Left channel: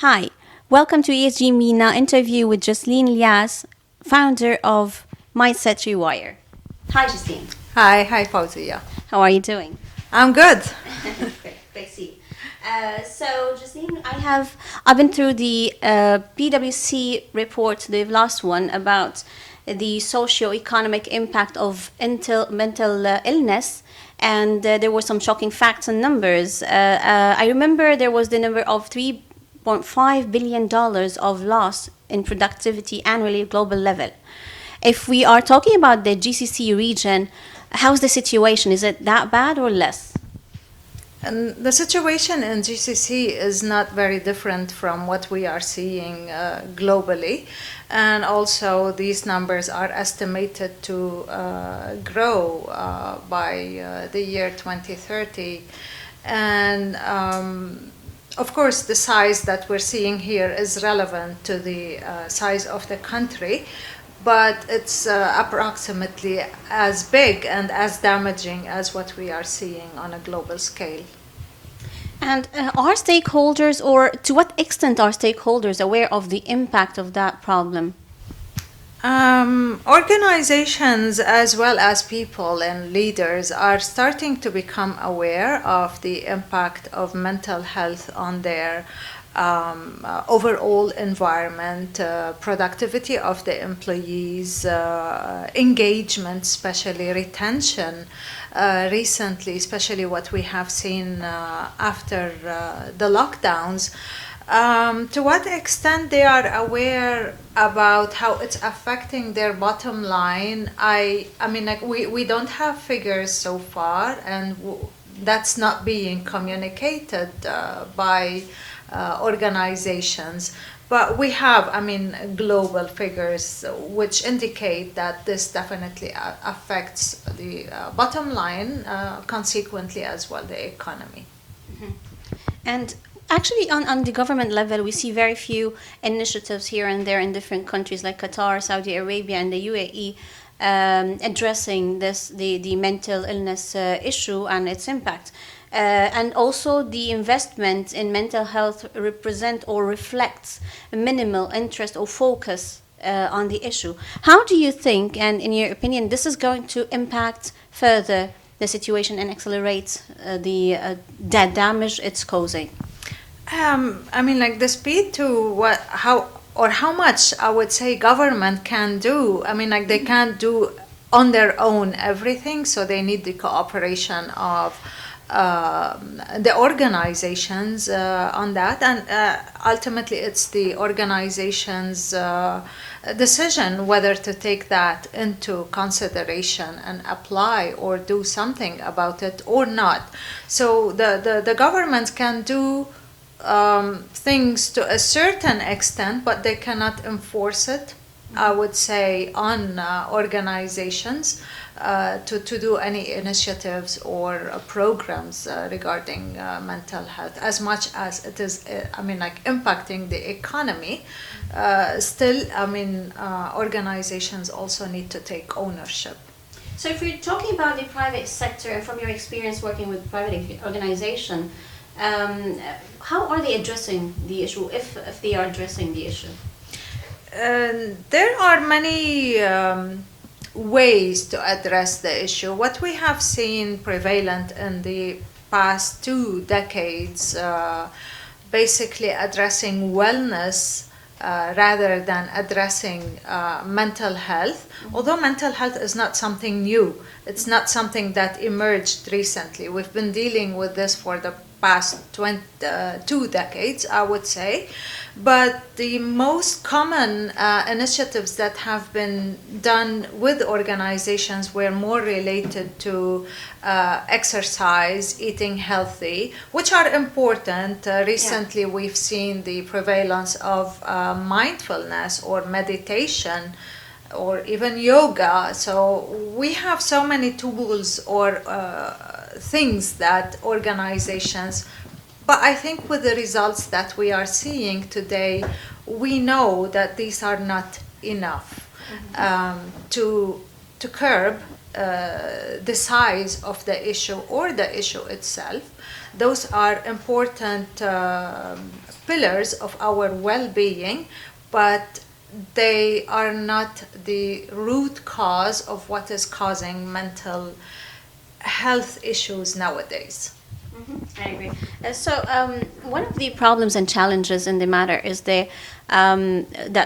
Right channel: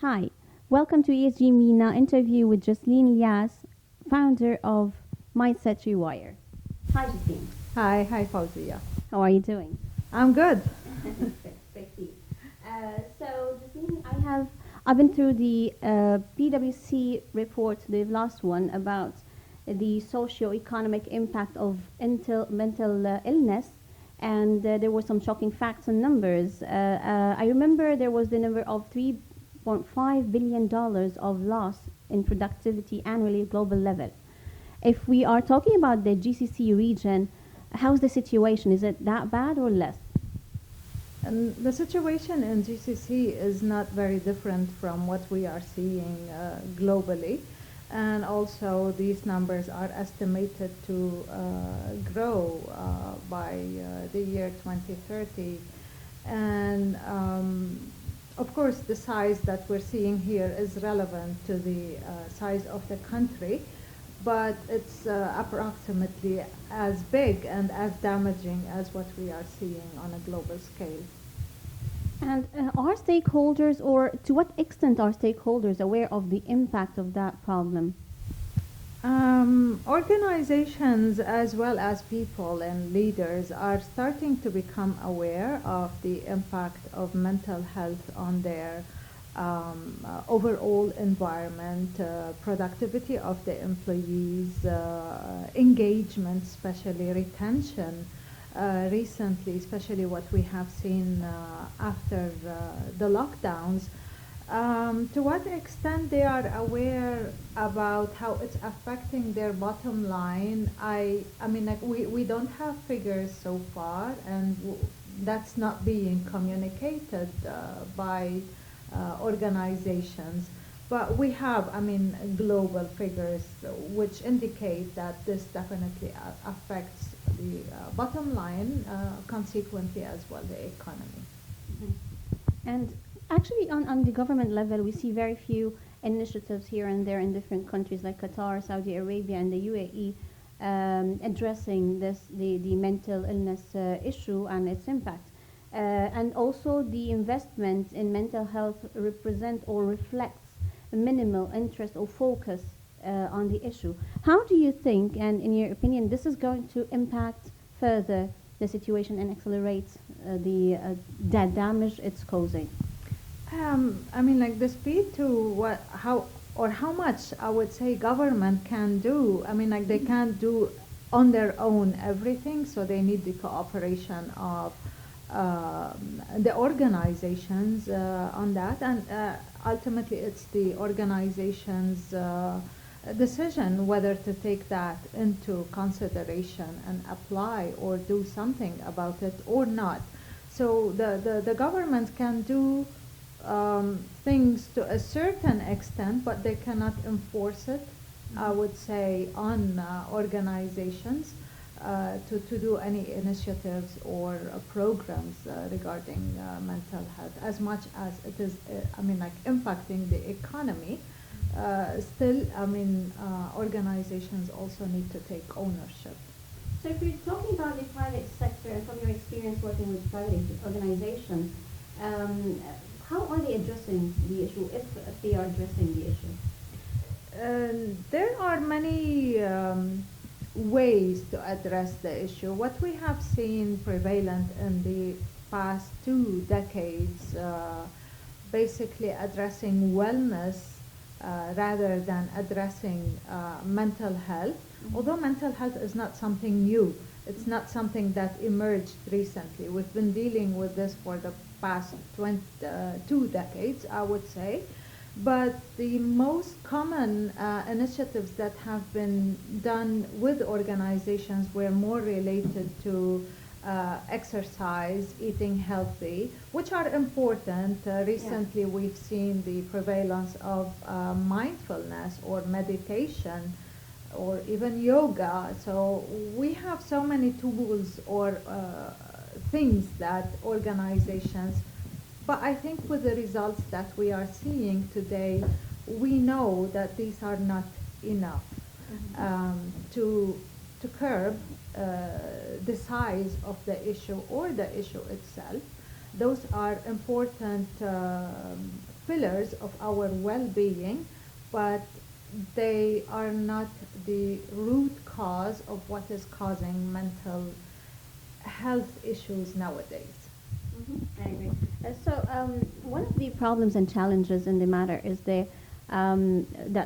Hi, welcome to ESG MENA interview with Jocelyne Elias, founder of Mindset Rewire. Hi, Jocelyne. Hi, Fawzia. How are you doing? I'm good. Great to see. So, Jocelyne, I've been through the PwC report, the last one, about the socio-economic impact of mental illness. And there were some shocking facts and numbers. I remember there was the number of $3.5 billion of loss in productivity annually at global level. If we are talking about the GCC region, how's the situation? Is it that bad or less? And the situation in GCC is not very different from what we are seeing globally. And also, these numbers are estimated to grow by the year 2030. And of course, the size that we're seeing here is relevant to the size of the country, but it's approximately as big and as damaging as what we are seeing on a global scale. And are stakeholders, or to what extent are stakeholders aware of the impact of that problem? Organizations as well as people and leaders are starting to become aware of the impact of mental health on their overall environment, productivity of the employees, engagement, especially retention. Recently, especially what we have seen after the lockdowns, to what extent they are aware about how it's affecting their bottom line. I mean, like we don't have figures so far, and that's not being communicated by organizations. But we have, global figures which indicate that this definitely affects the bottom line, consequently as well the economy. Mm-hmm. And actually, on the government level, we see very few initiatives here and there in different countries like Qatar, Saudi Arabia, and the UAE addressing the mental illness issue and its impact. And also the investment in mental health represent or reflects minimal interest or focus on the issue. How do you think, and in your opinion, this is going to impact further the situation and accelerate the damage it's causing? The speed to how much I would say government can do. They can't do on their own everything, so they need the cooperation of the organizations on that, and ultimately it's the organization's decision whether to take that into consideration and apply or do something about it or not. So the government can do things to a certain extent, but they cannot enforce it, I would say, on organizations to do any initiatives or programs regarding mental health, as much as it is, impacting the economy. Still, organizations also need to take ownership. So if you're talking about the private sector, and from your experience working with private organization, how are they addressing the issue, if they are addressing the issue? There are many ways to address the issue. What we have seen prevalent in the past 2 decades, basically addressing wellness rather than addressing mental health. Although mental health is not something new, it's not something that emerged recently. We've been dealing with this for the past 2 decades, I would say. But the most common initiatives that have been done with organizations were more related to exercise, eating healthy, which are important. Recently, we've seen the prevalence of mindfulness or meditation or even yoga. So we have so many tools or things that organizations. But I think with the results that we are seeing today, we know that these are not enough to curb the size of the issue or the issue itself. Those are important pillars of our well-being, but they are not the root cause of what is causing mental health issues nowadays. I agree. One of the problems and challenges in the matter is that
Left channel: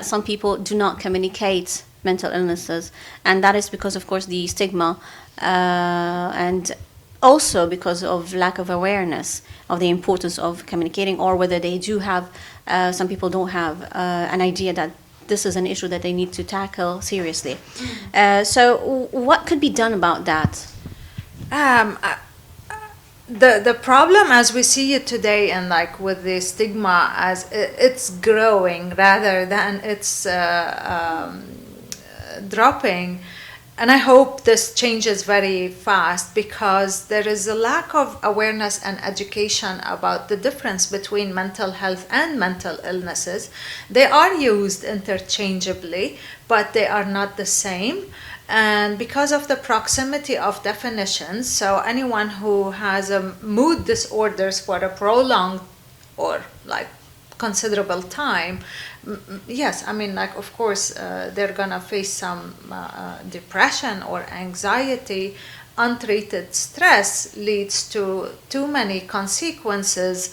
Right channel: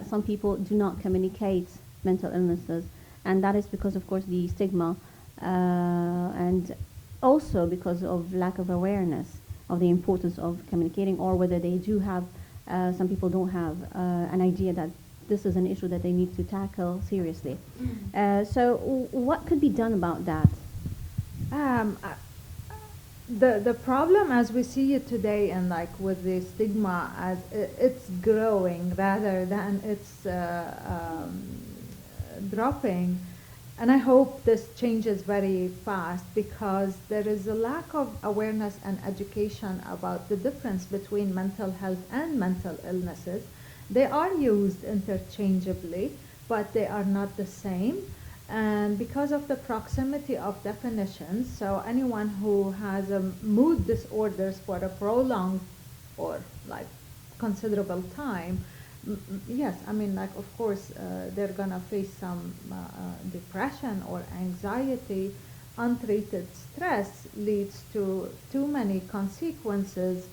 some people do not communicate mental illnesses, and that is because, of course, the stigma, and also because of lack of awareness of the importance of communicating, or whether they do have, some people don't have an idea that this is an issue that they need to tackle seriously. So what could be done about that? The problem as we see it today, and like with the stigma, as it's growing rather than it's dropping. And I hope this changes very fast, because there is a lack of awareness and education about the difference between mental health and mental illnesses. They are used interchangeably, but they are not the same. And because of the proximity of definitions, so anyone who has a mood disorders for a prolonged or like considerable time, yes, I mean, like, of course, they're gonna face some depression or anxiety. Untreated stress leads to too many consequences.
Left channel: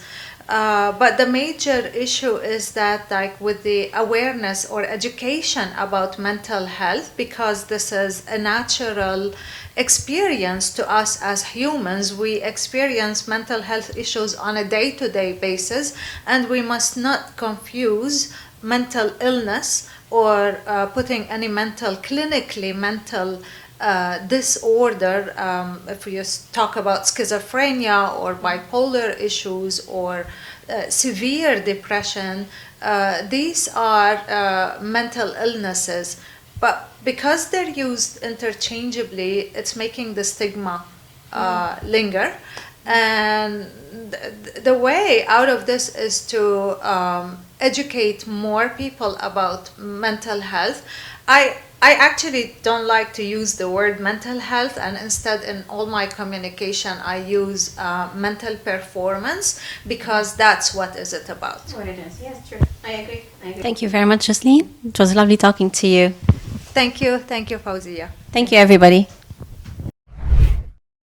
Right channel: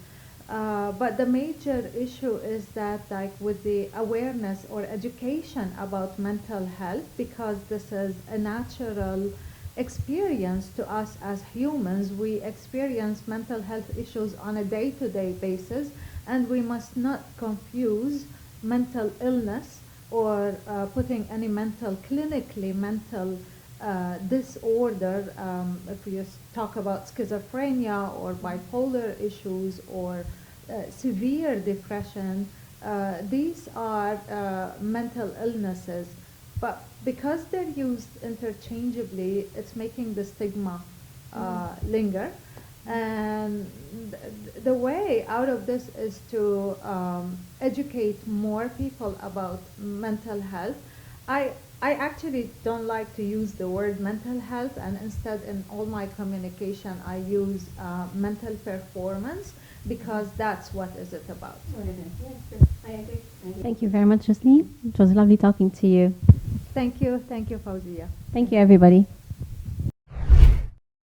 But the major issue is that, like, with the awareness or education about mental health, because this is a natural experience to us as humans, we experience mental health issues on a day-to-day basis, and we must not confuse mental illness or putting any clinically mental disorder. If we just talk about schizophrenia or bipolar issues or severe depression, these are mental illnesses. But because they're used interchangeably, it's making the stigma linger. And the way out of this is to educate more people about mental health. I actually don't like to use the word mental health, and instead in all my communication I use mental performance, because that's what is it about. What it is, yes, true. I agree. Thank you very much, Jocelyne. It was lovely talking to you. Thank you, Fawzia. Thank you, everybody.